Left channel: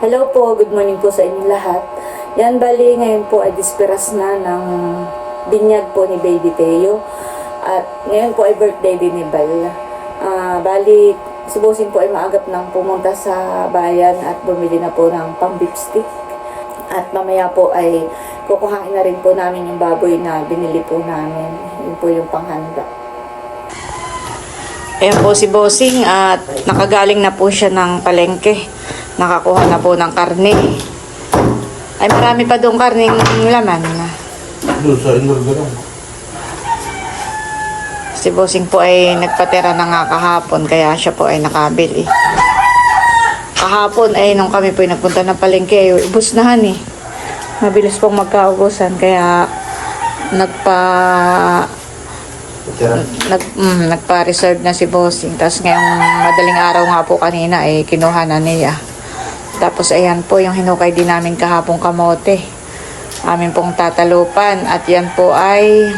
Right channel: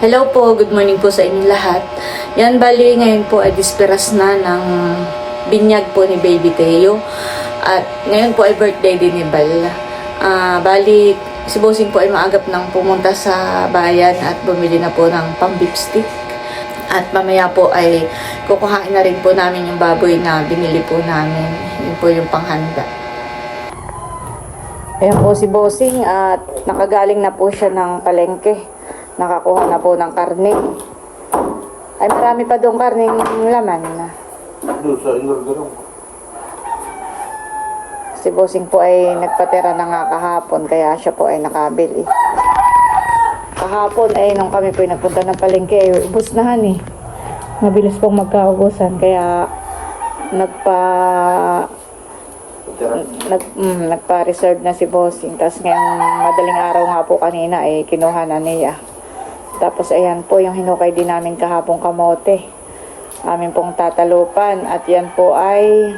Hello po, good morning po sa inyong lahat. Yan, bali ngayon po ay disperas na ng binyag po ni Baby Teo. At ngayon po ay birthday din ni Bal. Ah, bali, si Bossing po ay maagap nang pumunta sa bayan at bumili na po ng pang stick. At mamaya po ay kukuhain na rin po namin yung baboy na binili po namin. Yun po yung panghanda. Ayan po si Bossing at nakagaling na po siya ng palengke. Nakakuha na po ng karne. Ay marami pa doon karning laman. Doon sa Inorgaran. Si Bossing po ay nagpatera na nga kahapon kaya siya po ay nakabili. Kahapon ay nung kami po ay nagpunta ng palengke ay ubus na han eh. Mabilis pong magkaubusan kaya nagpa nag, mm, nagpa-reserve na si Bossing. Tapos ngayong madaling araw nga po kanina, eh, kinuha na niya. Tapos ayan po yung hinukay din namin kahapong kamote. Amin pong tatalupan. At yan po ay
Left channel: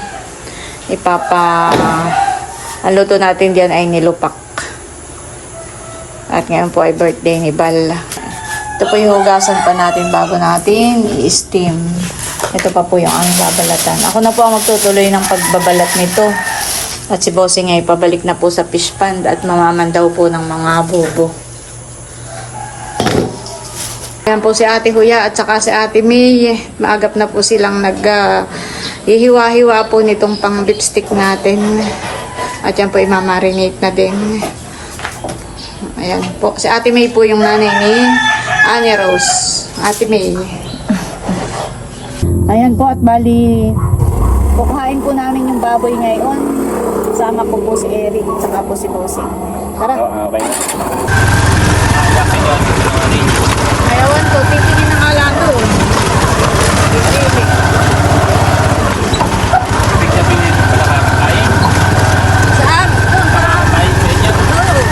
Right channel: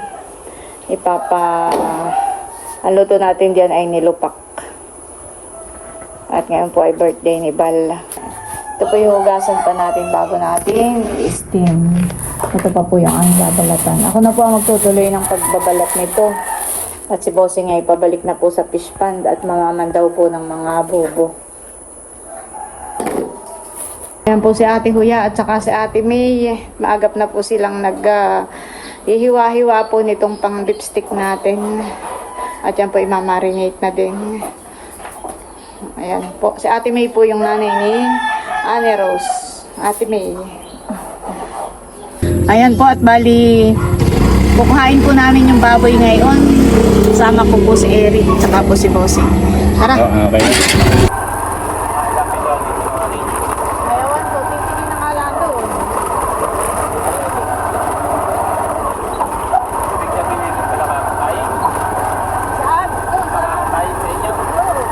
ipapa... ang luto natin diyan ay nilupak. At ngayon po ay birthday ni Bal. Ito po yung hugasan pa natin bago natin i-steam. Ito pa po yung aming babalatan. Ako na po ang magtutuloy ng pagbabalat nito. At si Bossing ay pabalik na po sa fish pond at mamaman daw po ng mga bobo. Yan po si Ate Huya at saka si Ate May. Maagap na po silang nag ah, hihiwa-hiwa po nitong pang beef stick natin. At yan po imamarinate na din. Ayan po. Si Ate May po yung nanay ni Annie Rose. Ate May. Ayan po at bali kukuhain po namin yung baboy ngayon. Kasama ko po si Eric at saka po si Bossing. Tara. Okay. Ayawan ko, titingin ng alado. Pipili. Saan? Doon, para. Oo.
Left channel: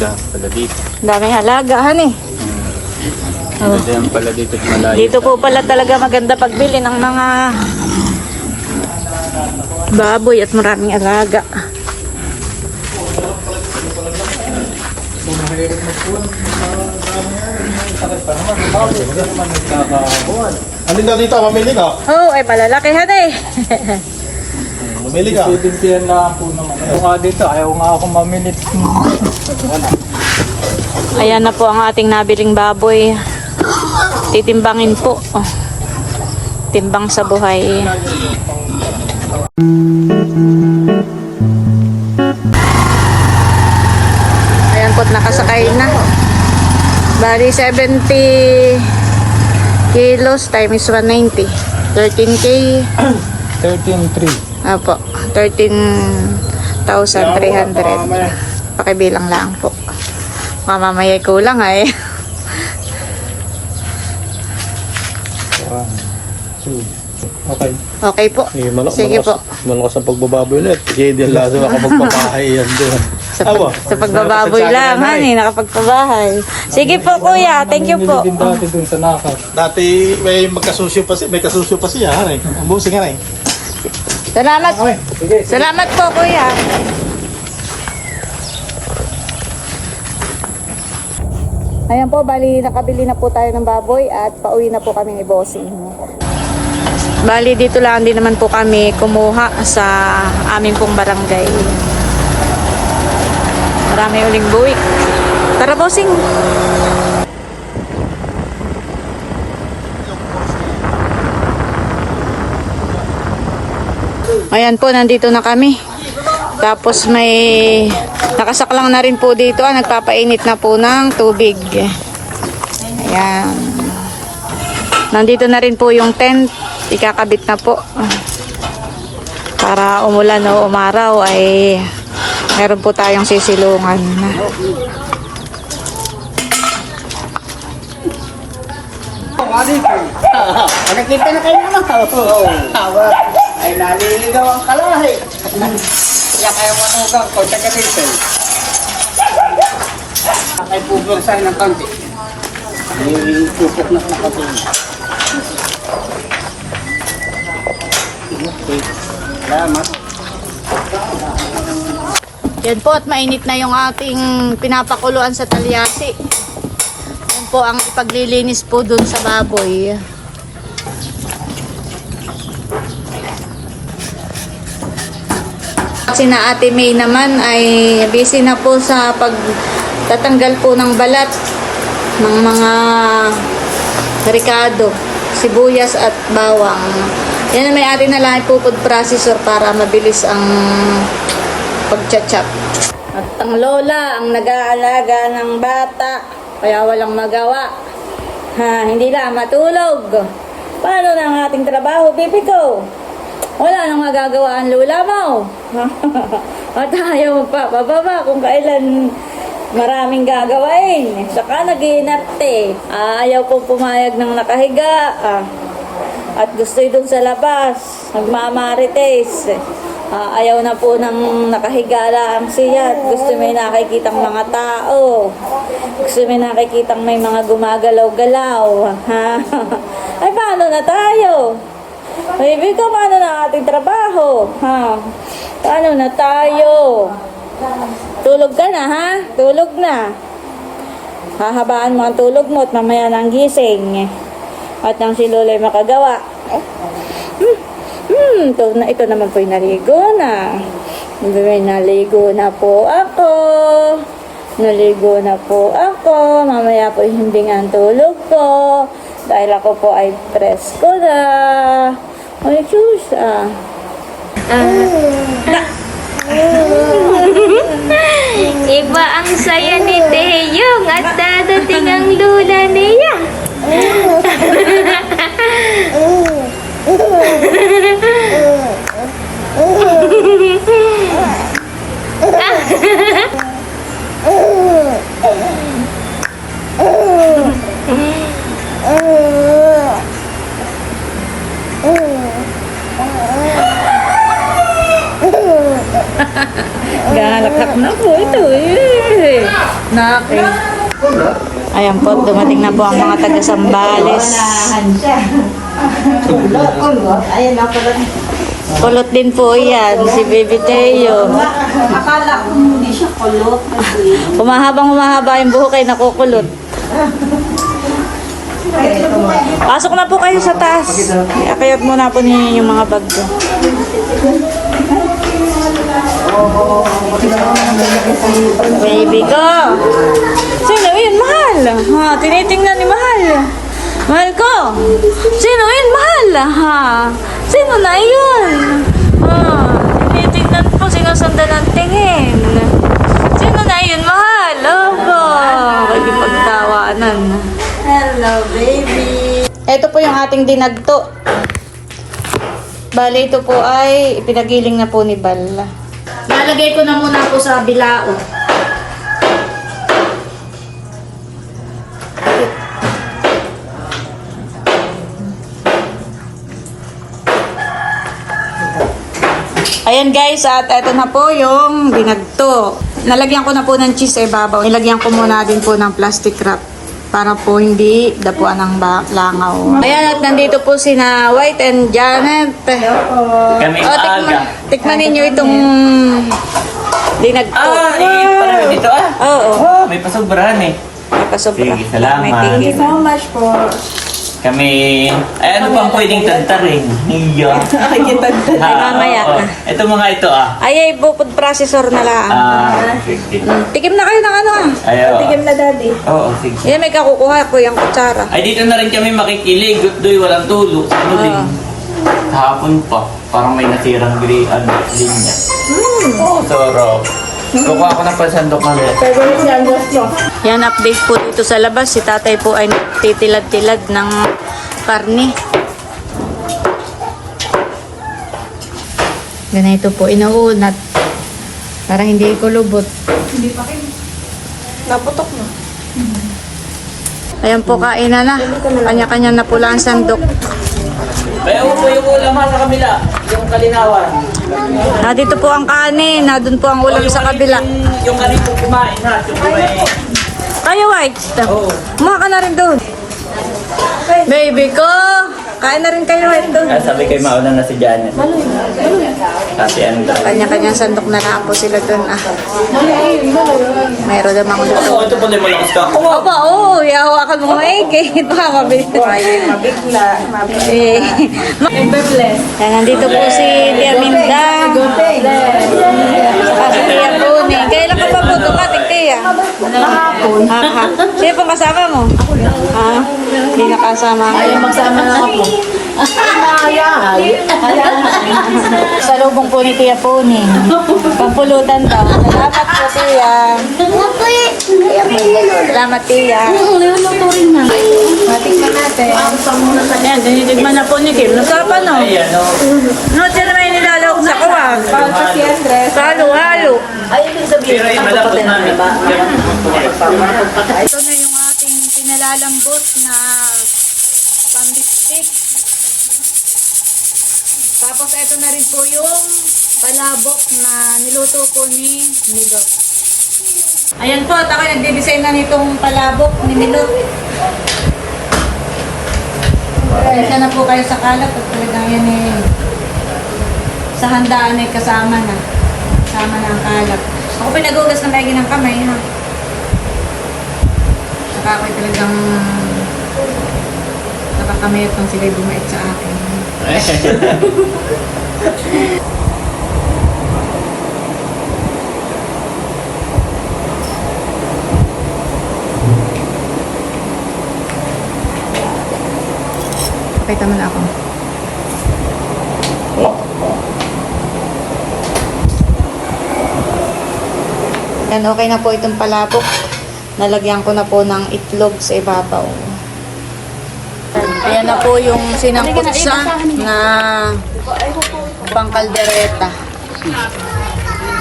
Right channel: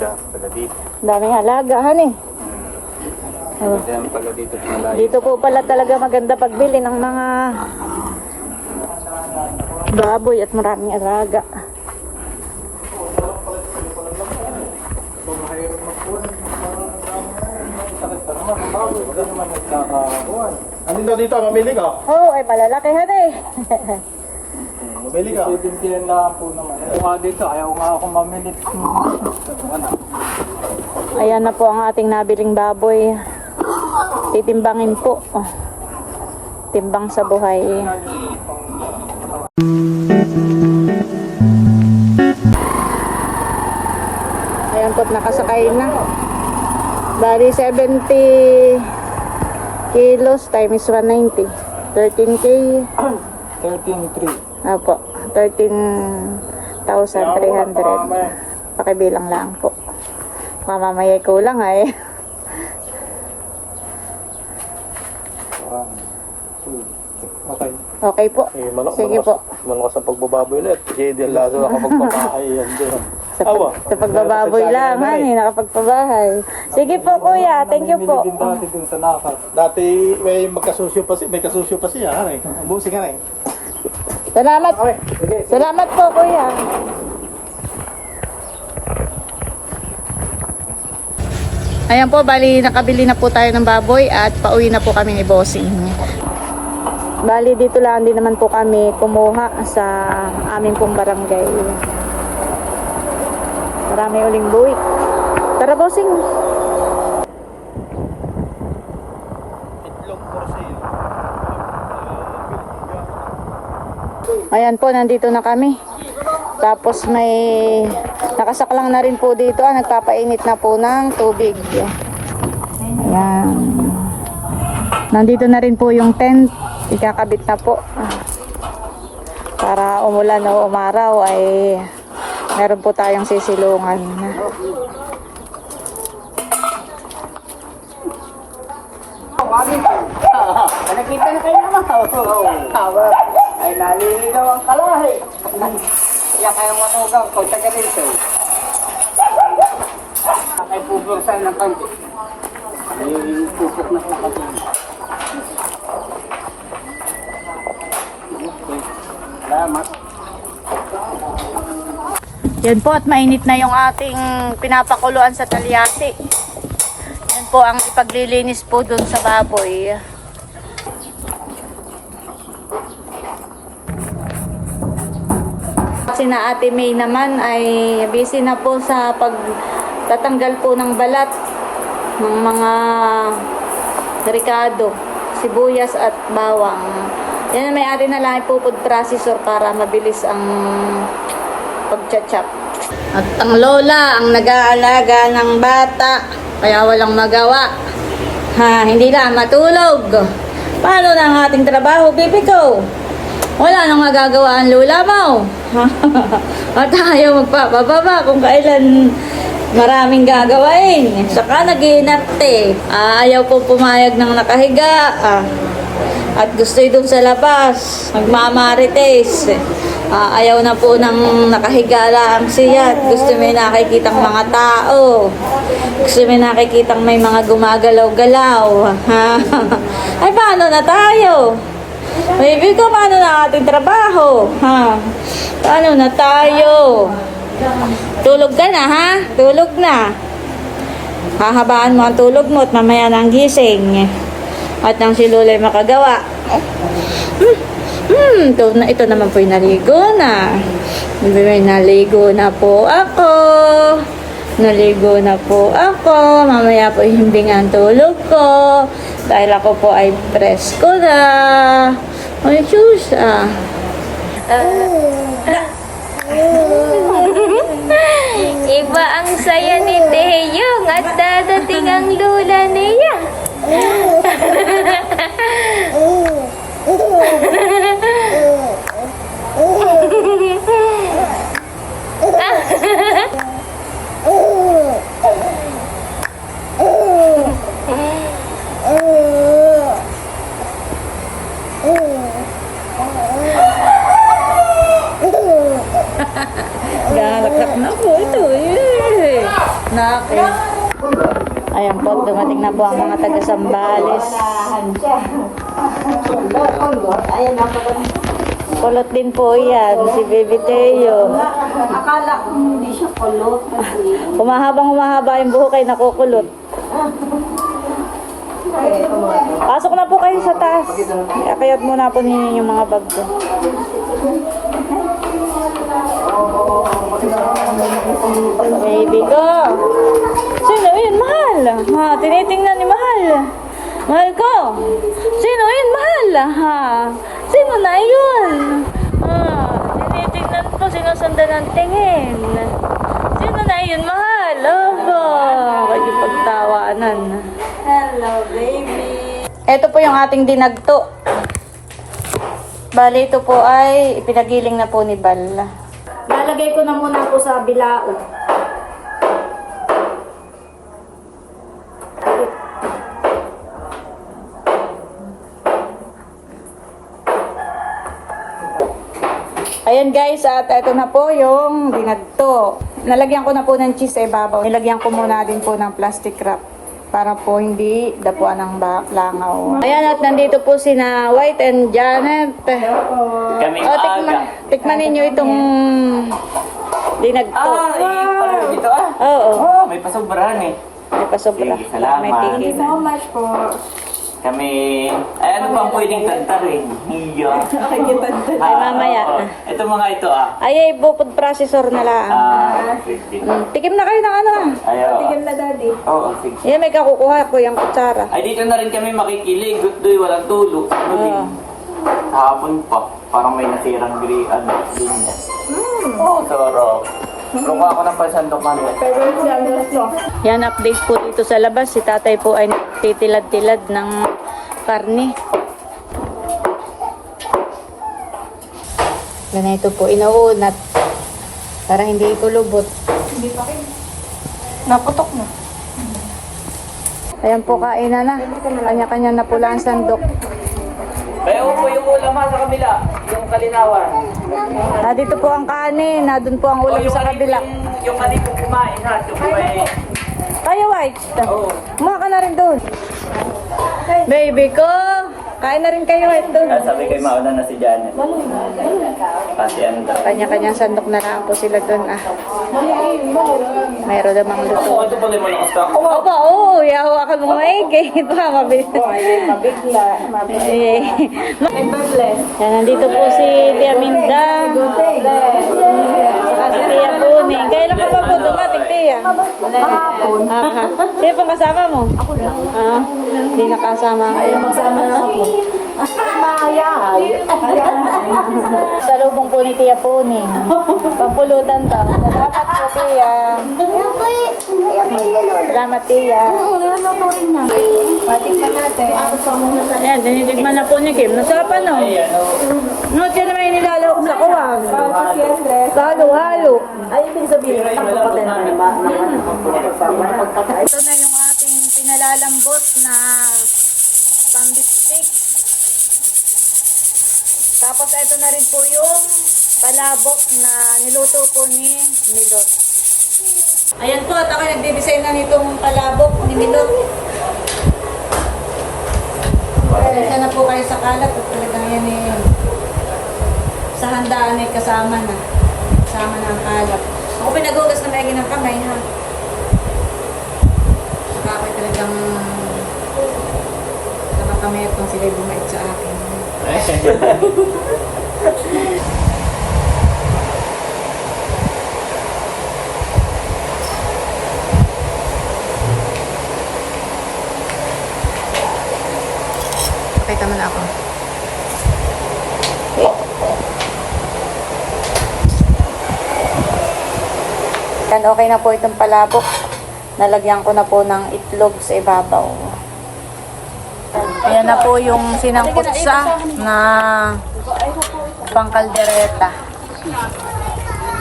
Yan, pala dito. Daming alagahan eh. Oh. Yan pala dito malayo. Dito po pala talaga maganda pagbili ng mga baboy at maraming alaga. Alin na dito, mamili ka. Oh, ay palalakihan eh. Mamili ka. Student lang po naman. Ayaw nga dito, ayaw nga ako mamilit. Wala. Ayan na po ang ating nabiling baboy. Titimbangin po. Oh. Timbang sa buhay. Ayan po't nakasakay na. Bali 70 kilos times 190. 13k. 13-3. Apo, 13,300. Pakibilang lang po. Mamamaya kulang ay. One, two. Okay. Okay po. Eh, manok, Sige po. Manok sa pagbababoy ulit. Sige, di laso ako magpapahay yan doon. Sa, pag, sa pagbababoy lang, honey, nakapagpabahay. Sige po, kuya. Thank you po. Dati dun sa nakas. Dati may magkasusyo pa siya, may kasusyo pa siya, hanay. Ang busing hanay. Salamat. Salamat po, kuya. Ayan po, bali nakabili na po tayo ng baboy at pauwi na po kami ni Bossing. Bali dito lang din naman po kami kumuha sa aming pong barangay. Marami uling buwik. Tara, Bossing. Ayan po, nandito na kami. Tapos may nakasaklang na rin po dito. Ah, nagpapainit na po ng tubig. Ayan. Nandito na rin po yung tent. Ikakabit na po. Para umulan o umaraw ay meron po tayong sisilungan. Nakikita na kayo. Oo. Ay, naliligaw ang kalahi. Kaya kayo manugang ko, taga dito. Ay, bubulsay ng kaunti. Ay, pupok na po kasi. Salamat. Yan po at mainit na yung ating pinapakuluan sa talyasi. Yan po ang paglilinis po dun sa baboy. Sina Ate May naman ay busy na po sa pagtatanggal po ng balat ng mga ricado, sibuyas at bawang. Yan may atin na lang po food processor para mabilis ang pagchachap. At ang lola ang nag-aalaga ng bata, kaya walang magawa. Ha, hindi na matulog. Paano na ang ating trabaho, bibi ko? Wala nang magagawa ang lola mo. At ayaw magpapababa kung kailan maraming gagawain. Saka nag-iinarte. Ah, ayaw po pumayag ng nakahiga. Ah. At gusto doon sa labas, magmamarites. Ah, ayaw na po ng nakahiga lang siya. Gusto may nakikitang mga tao. Gusto may nakikitang may mga gumagalaw-galaw. Ay, paano na tayo? Baby ko, paano na ating trabaho? Ha? Paano na tayo? Tulog ka na, ha? Tulog na. Hahabaan mo ang tulog mo at mamaya nang gising. At nang si Lulay makagawa. Hmm, hmm, ito, na, ito naman po'y naligo na. May naligo na po ako. Naligo na po ako. Mamaya po himbing ang tulog ko. Dahil ako po ay presko na. Ay, sus, ah. Iba ang saya ni Teyong at dadating ang lula niya. Galakak na po ito eh. Naki. Ayan po, dumating na po ang mga taga-sambales. Kulot din po yan, si Baby Teo. Akala ko hindi siya kulot Humahabang humahaba yung buhok ay nakukulot. Pasok na po kayo sa taas. Akayot muna po ninyo yung mga bag ko. Baby ko. Mahal? Ha, tinitingnan ni mahal. Mahal ko. Sino yun, mahal? Ha? Sino na yun? Ha, tinitingnan po, sinusundan ng tingin. Sino na yun, mahal? Opo. Pagkipagtawanan. Hello baby Ito po yung ating dinagto. Bale, ito po ay ipinagiling na po ni Bal. Nalagay ko na muna po sa bilao. Ayan guys, at ito na po yung dinagto. Nalagyan ko na po ng cheese sa ibabaw. Nilagyan ko muna din po ng plastic wrap para po hindi dapuan ng ba- langaw. Ayan, at nandito po si na White and Janet. Kami O, tikman, tikman ninyo itong dinagto. Ah, eh, parang dito ah. Oo, Oh, may pasobrahan eh. may pasobra. Sige, salamat. May Thank you so much po Kami, ay ano bang pwedeng tantarin? Iya. Nakikita Ay, mamaya. oo. Ito mga ito ah. Ay, ay, bukod processor na lang. Ah, sige. Tikim na kayo ng ano ah. Ayaw. Tigim na daddy Oo, sige. Yan, may kakukuha ko yung kutsara. Ay, dito na rin kami makikilig. Doy, walang tulo. Ano din? Kahapon pa. Parang may nasirang gri, ano, linya. Mm. Sarap. Kukuha ko ng pansandok na rin. Yan, update po dito sa labas. Si tatay po ay titilad-tilad ng karne. Ganito po, inuunat. Para hindi kulubot. Naputok mo Ayan po, kainan na. Kanya-kanya na po lang ang sandok. Kaya po yung ulam ha sa kabila. Yung kalinawan. Na dito po ang kanin, na doon po ang ulam sa kabila. Yung, yung kanito kumain ha. Yung may... Kayo, White. Kumain ka na rin doon. Baby ko. Kain na rin kayo ito. Kaya sabi kay mauna na si Janet. Kasi ano daw. Kanya-kanyang sandok na lang po sila doon. Ah. Mayroon namang luto. Oh, ito pala yung malakas ka. Oh, Opo, oo. Yahawakan mo maigay. Baka mabigla. Mabigla. Mabigla. Eh. Yan, nandito po si Tia Minda. Saka si Tia Buni. Kailan ka pa po dumating, Tia? Kahapon. Ha, Sino pong kasama mo? Ha? Hindi nakasama. Ay, magsama na ako. Sa lubong po ni Tia Puni. Pampulutan daw. Salamat po, Tia. Salamat, Tia. Ayan, dinidigman na po ni Kim. Nasarapan, no? ay ano. No, siya naman yung nilalawag sa kawag. Halo-halo. Pero yung malapot namin. Ito na yung ating pinalalambot na pambistik. Tapos ito na rin po yung palabok na niluto po ni Milot. Ayan po, at ako nagde-design na nitong palabok ni Milot. Pasensya na po kayo sa kalat at talagang yan eh, sa handaan ay kasama na. Kasama na ang kalat. Ako pinagugas na lagi ng kamay ha. Saka ako talagang nakakamay itong sila'y bumait sa akin. Pakita mo na ako. Yan, okay na po itong palabok. Nalagyan ko na po ng itlog sa ibabaw. Ayan na po yung sinamputsa na pangkaldereta.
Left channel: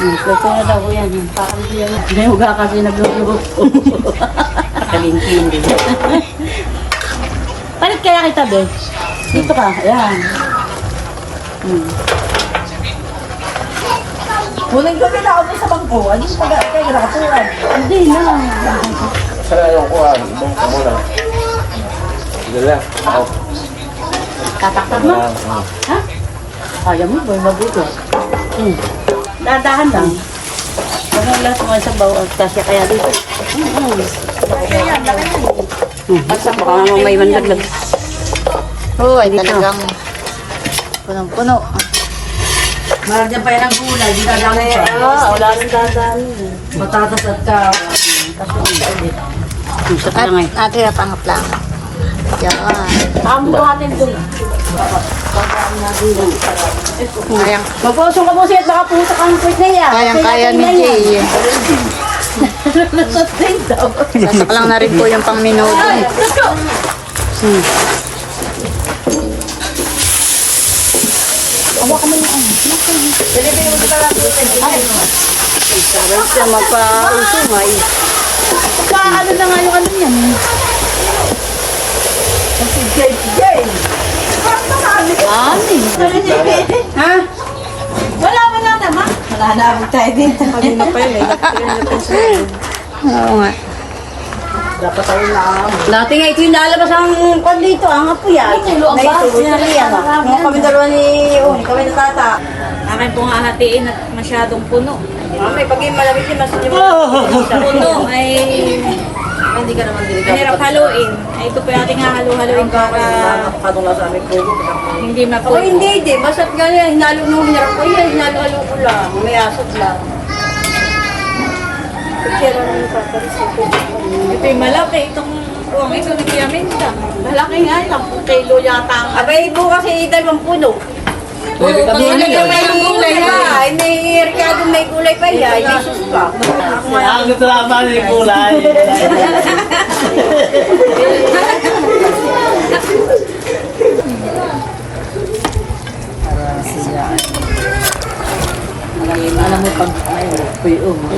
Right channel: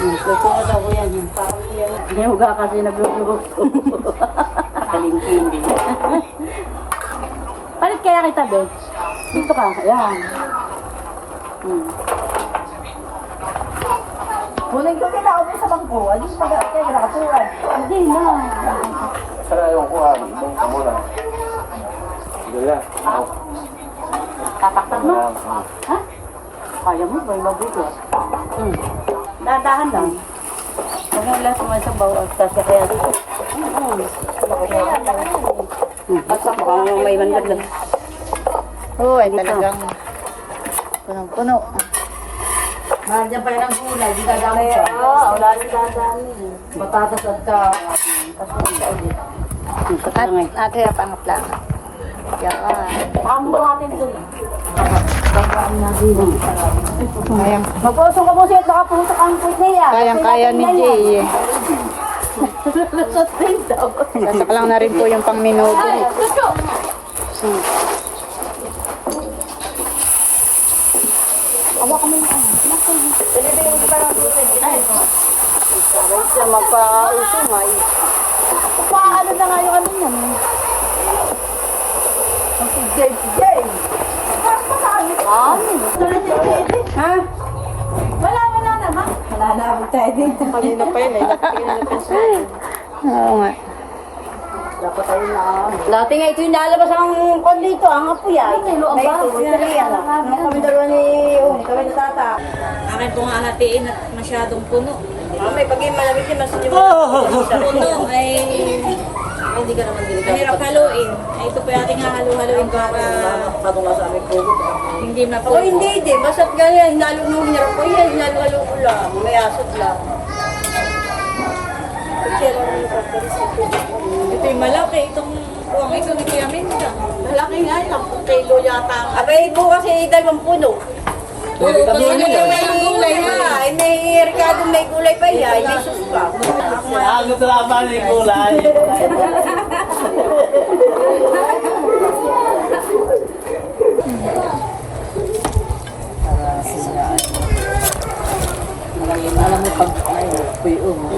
Ito na daw yan. Yung parang yan. Hindi huga kasi nagluluto. Kalintin din. Palit kaya kita, be? Dito ka. Ayan. Hmm. Muling gabi na ako sa bangko. Ano yung pag-kahirapan? Hindi na. Tataktak mo? Ha? Kaya mo ba mabuto? Hmm. Dadahan lang. Ano lahat mga sa bawat kasya kaya dito? Hmm. Basta baka may manlaglag. Oo, ay talagang punong-puno. Maragyan pa yan ang gulay, di dadami pa. Oo, wala nang dadami. Patatas at ka. Sa At tangay. natin na pangaplang. Yan. Mo natin doon. Kayang, Mag-usong ka siya at nakaputa kang puwit na yan. kayang-kaya ni Jay. Sasaklang na rin po yung pang minuto. Magpa-usong ay. Ano na nga yung ano yan? Ha? Wala mo lang naman. Wala na abog tayo dito. Kanina pa yun eh. Nga. Dapat tayo na. Dati nga ito yung nalabas ang kwan dito, ang apoy yan. Na ito, ito yan. Mga kami dalawa ni, oh, ni kami na tata. Akin pong hahatiin at masyadong puno. Mamay, pag yung malamig yung masin yung Puno ay Hindi ka naman delikado. mahirap haluin. Ay, ito po yung ating hahalu-haluin para Katong lang sa amin po. hindi Ako mapuno. hindi, di. Basta't ganyan, hinalo nung hinarap ko yan, hinalo-halo ko lang. May asot lang. Ito yung malaki. Itong buwang ito ni Piaminta. Malaki nga yun, kilo yata. Abay, bukas ay dalawang puno. Pwede ka Hindi na may gulay na. Ay, may Ricardo may gulay pa yan. May sus pa. Ang ba ni kulay? Alam mo pag ay, puyo mo.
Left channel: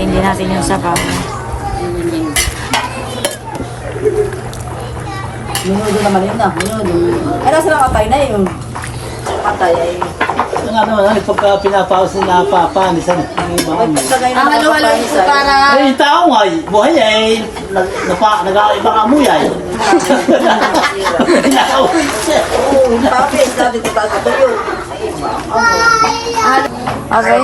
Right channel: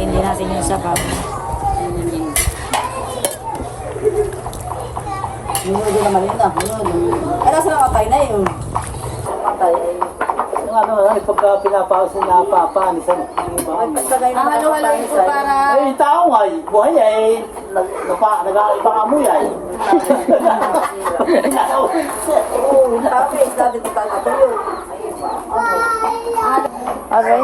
Hindi natin yung sabaw. Minudo naman yun ah. Minudo. Ay, nasa nakatay na yun. Nakatay ay. Ang ano naman, pagka pinapaos na napapanis, ano, yung. Ang halo-halo ito para Ay, tao nga, eh. buhay ay, nag, napa, nag-ibang amoy ay. Oo, bakit? Sabi ko ba ito yun? Okay.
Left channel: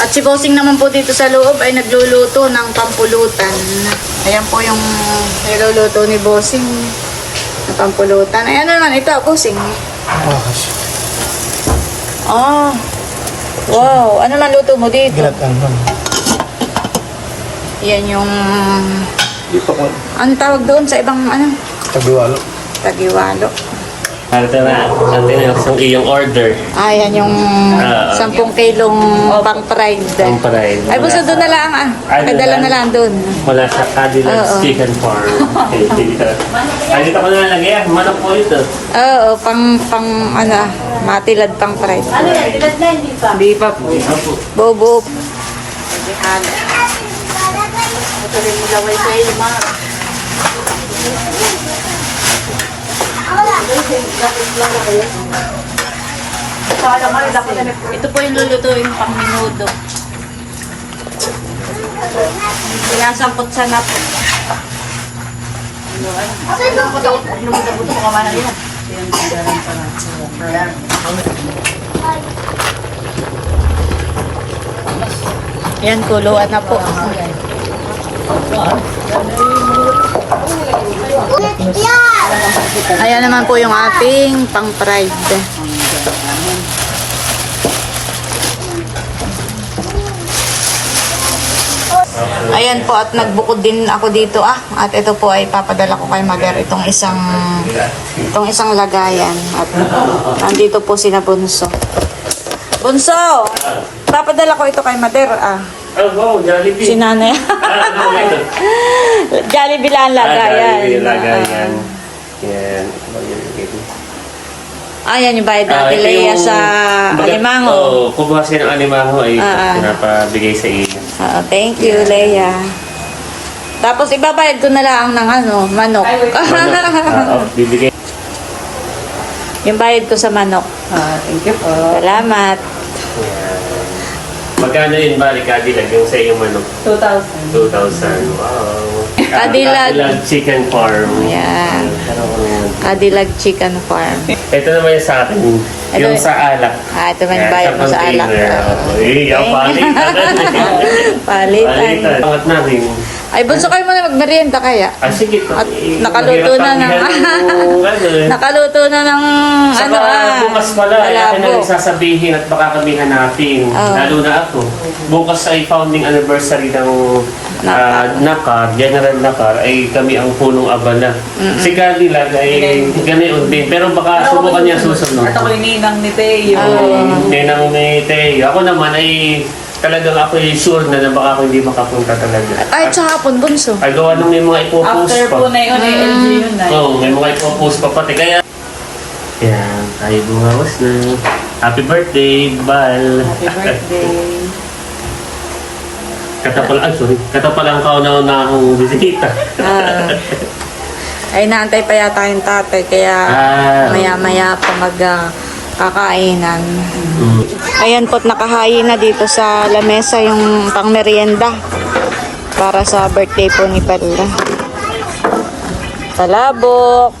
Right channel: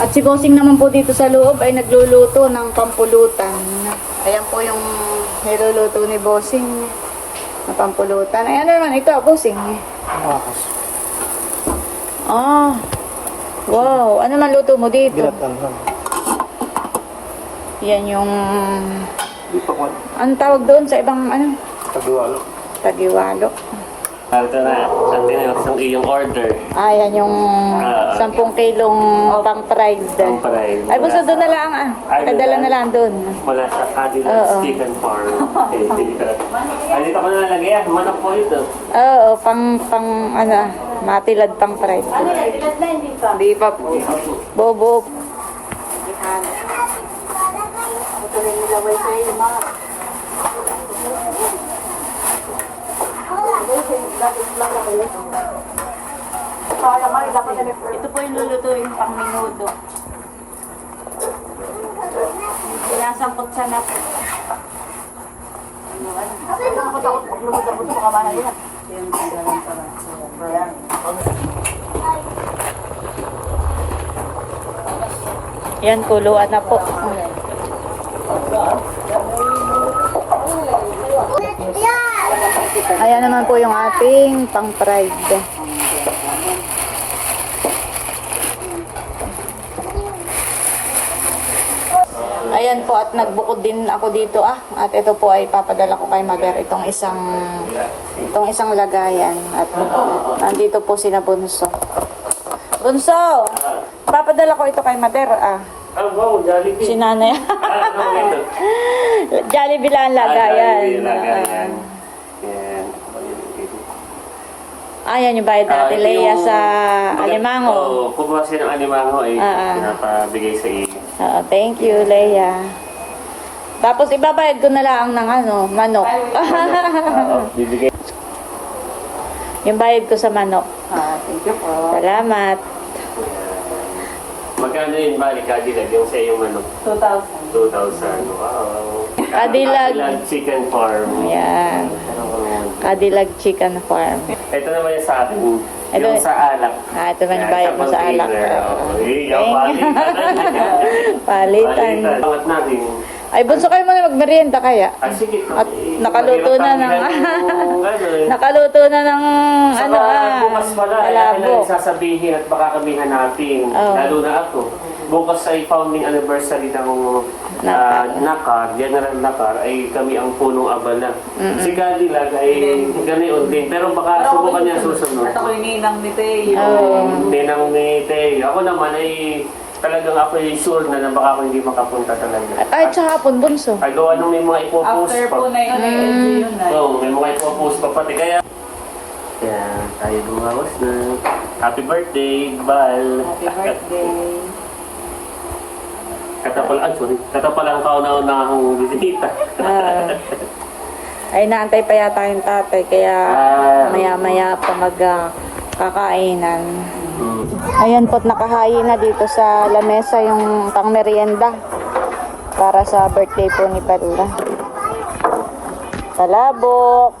At si Bossing naman po dito sa loob ay nagluluto ng pampulutan. Ayan po yung niluluto ni Bossing na pampulutan. Ayan naman, ito, Bossing. Oh. Wow, ano man luto mo dito? Yan yung... Ano tawag doon sa ibang ano? Tagiwalo. Tagiwalo. Ate na, ate na yung iyong order. Ah, yan yung Ah, 10 kilong pang pride. Ang parayin. Ay, basta doon na lang ah. Ay, doon Padala lang? na lang doon. Mula sa Cadillac's Oo. Chicken Farm. Okay, dito. Ay, dito ko na nalagay. Manok po ito. Oo, pang, pang, ano, ah, matilad pang pride. Ano yan? Ilan na hindi pa? Di pa po. Opo. Bobo. Tuloy mo laway sa iyo, ma. Ito po yung lulutuin pang minuto. Sinasangkot sa nap. Yan, kuluan na po. Ayan naman po yung ating pang-pride. Ayan po at nagbukod din ako dito ah. At ito po ay papadala ko kay mother itong isang itong isang lagayan at nandito po sina Bunso. Bunso! Papadala ko ito kay mother ah. Oh, wow, Jollibee. Si nanay. Ah, ano? Jollibee lang Ah, lagayan. Jollibee, lagayan. Yan. Ah, yan yung bayad Ah, natin Leia yung- sa Baga- Alimango. Oo, kung kasi ng alimango ay Ah, ah. pinapabigay sa iyo. Ah, thank you, Leia. Tapos ibabayad ko na lang ng ano, manok. Oo, bibigay. yung bayad ko sa manok. Ah, thank you po. Salamat. Yan. Magkano yun, balik Cadillac, yung sa iyong manok? 2,000. 2,000. Wow. Cadillac. Cadillac Chicken Farm. Ayan. Cadillac Chicken Farm. Ito naman yung sa akin. Ito yung sa alak. Ah, ito man yung bayad mo sa alak. container. Eh, yung palitan. Palitan. Angat namin. Ay, bunso kayo muna magmerienda kaya. Ah, sige. At Eh, nakaluto na ng... eh. nakaluto na ng Saka ano ah. bukas pala, ay akin na sasabihin at baka kami hanapin. Oo. Lalo na ako. Bukas ay founding anniversary ng Nakar. ah, Nakar, General Nakar, ay kami ang punong abala. Si Cadillac ay ganoon din. Pero baka subukan niya susunod. At ako yung ninang ni Teo. Oo. Hindi nang may Teo. Ako naman ay talagang ako ay sure na na baka ako hindi makapunta talaga. Ay, sa hapon, bunso. Ay gawa nung may mga ipopost After pa. po na yun, ay LG yun na. Oo, may mga ipopost pa pati. Kaya, yan, tayo bumawas na. Happy birthday, Bal. Happy birthday. Katapal, ah, sorry. Katapalang ka na na ang bisita. Ah. ay, naantay pa yata yung tatay. Kaya Ah. maya-maya pa mag ah, kakainan. Mm. Ayan po't nakahain na dito sa lamesa yung pang merienda para sa birthday po ni Pala. Palabok,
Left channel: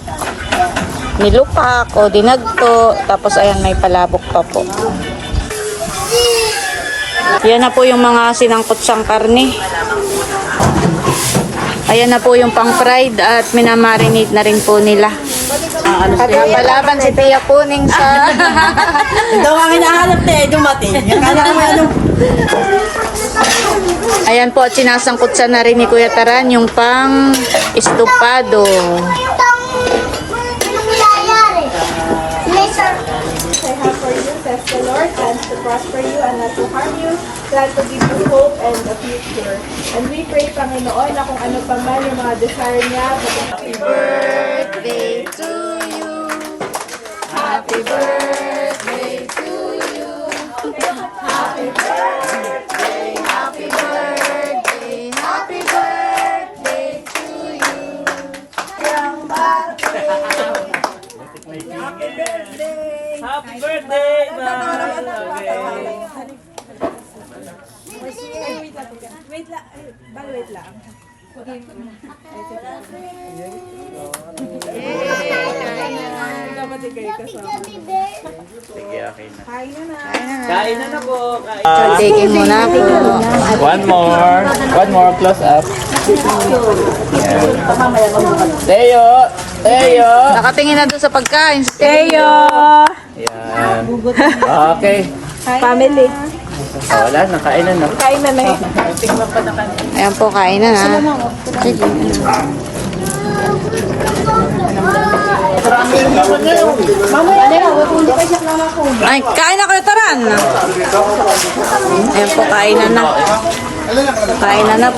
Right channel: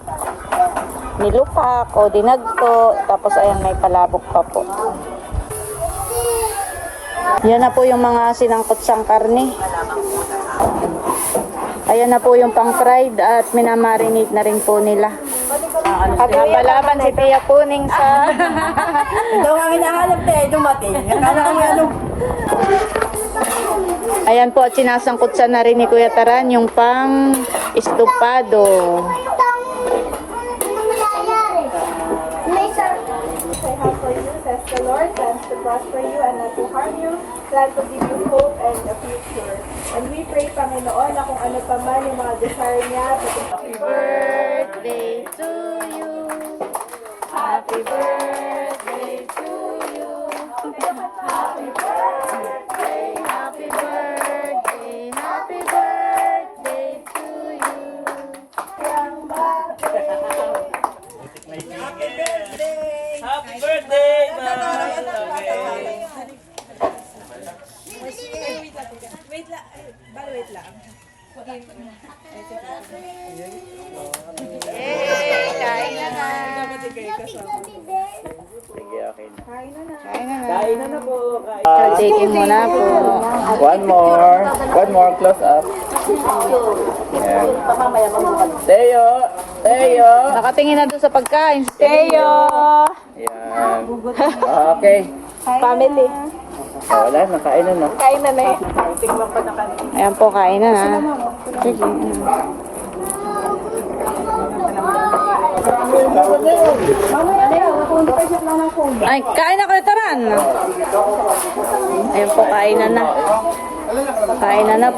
nilupak o dinagto, tapos ayan may palabok pa po. Yan na po yung mga sinangkot sang karne. Ayan na po yung pang fried at minamarinate na rin po nila. Palaban si Tia Puning sa... Ito kami nahanap na eh, dumating. Akala ko ano. Ayan po at sinasangkot sa na rin ni Kuya Taran yung pang estupado. The Lord, plans to prosper you and not to harm you, plans to give you hope and a future. And we pray, Panginoon, na kung ano pa man yung mga desire niya, Happy birthday birthday to you. Happy birthday to you. Happy birthday, happy birthday, happy birthday to you. Happy birthday. Happy birthday. Happy birthday, Ma'am. Okay. Wait lang. Wait lang. Kain na na po. Kain. Taking mo na po. One more. One more close up. Yan. Teo! Teo! Nakatingin na doon sa pagkain. Si Teo! Yan. Okay. Family. Oh, wala, nakain na na. Kain na na eh. Ayan po, kain na na. Sige. Ay, kain na kayo, Taran. Ayan po, kain na na. Kain na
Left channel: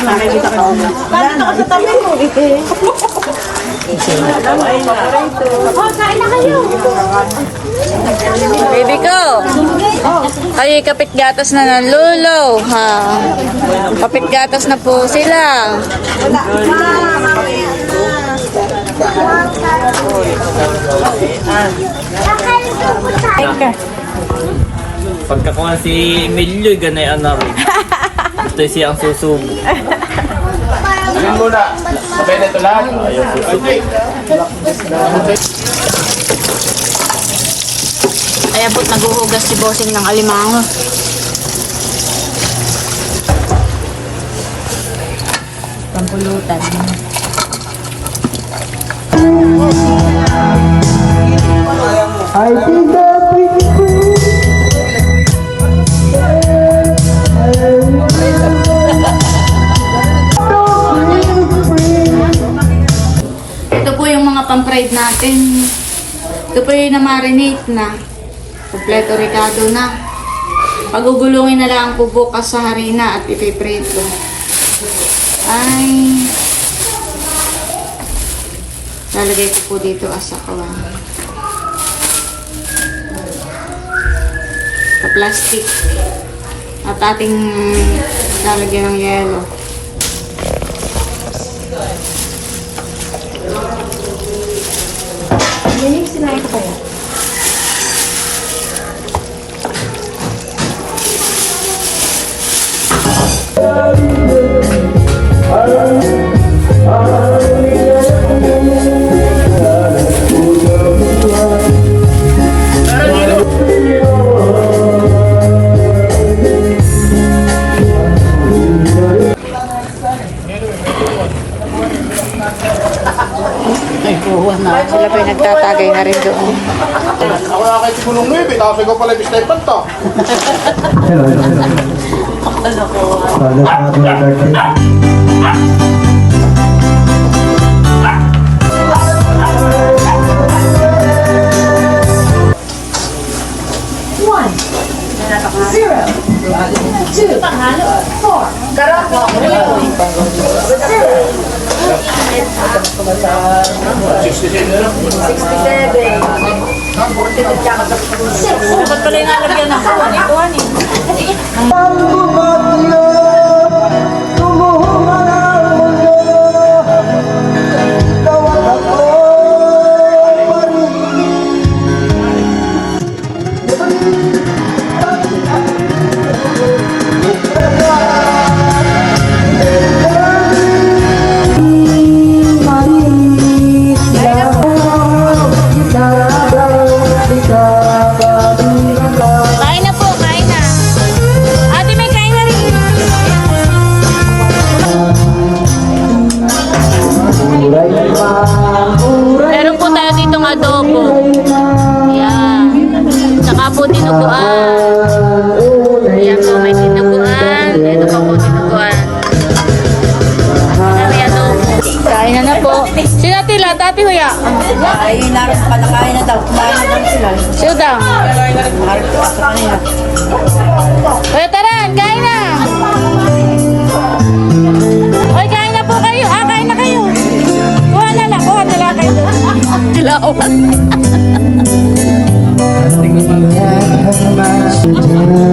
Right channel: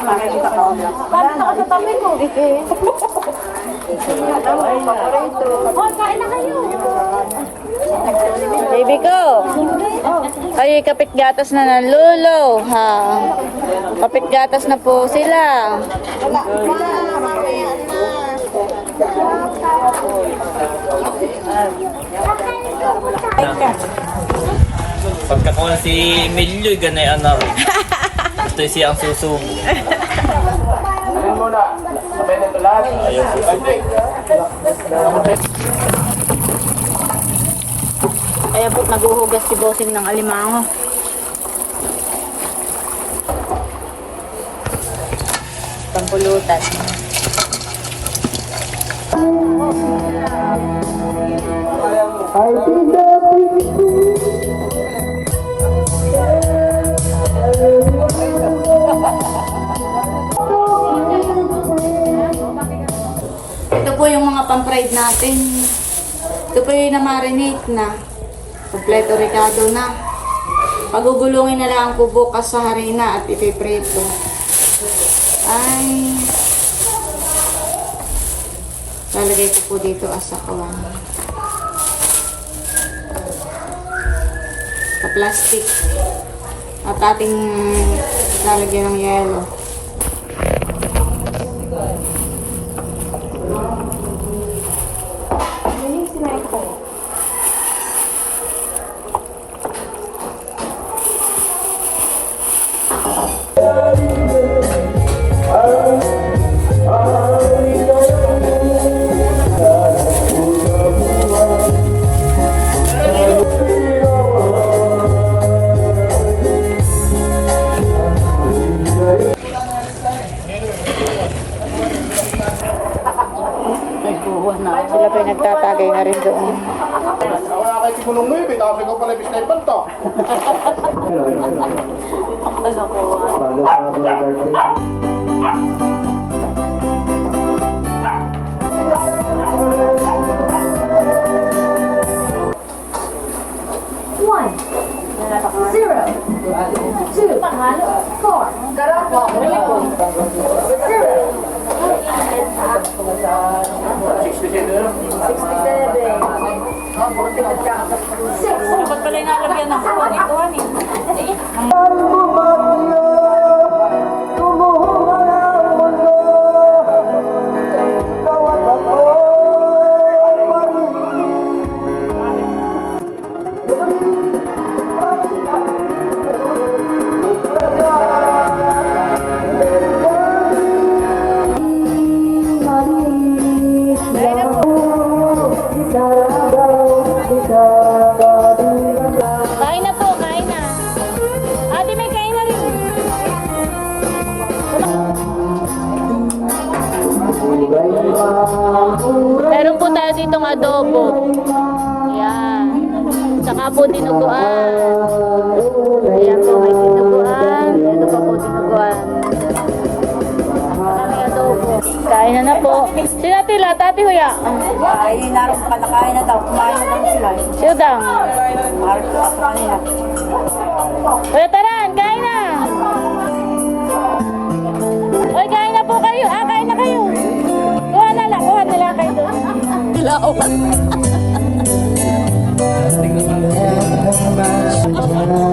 na po. Kuya Taran, kain na. Baby ko. Ay, kapit gatas na ng lulo. Ha. Kapit gatas na po sila. Pagkakuha si Emilio, ganay ano rin. Ito siyang susubo. Alin muna. Sabay na ito lang. Ayaw susubo. Ayan po't naguhugas si Bossing ng alimango. Pampulutan. Ito po yung mga pang-fried natin. Ito po yung na-marinate na. Kompleto ricado na. Pagugulungin na lang po bukas sa harina at ipiprito. Ay. Lalagay ko po dito as kawan. Sa plastic. At ating lalagyan ng yelo. pala pinagtatagay na rin doon. Ako na kahit punong nuebe, tapos ikaw pala ibistay panta. Hello, hello, hello. Hello, hello. Hello, hello. 67. Dapat pala yung nalagyan ng kuwan. Ito, ano? tinuguan. Ayan po, may tinuguan. Ito pa po tinuguan. May adobo. Kain na na po. Sina tila, tati huya. Ayun na, panakain na daw. Kumain sila. Sino daw? Kuya Taran, kain na! Uy, kain na po kayo. Ah, kain na kayo. Kuha na lang, kuha na lang kayo doon. Dilawan. Yeah. have.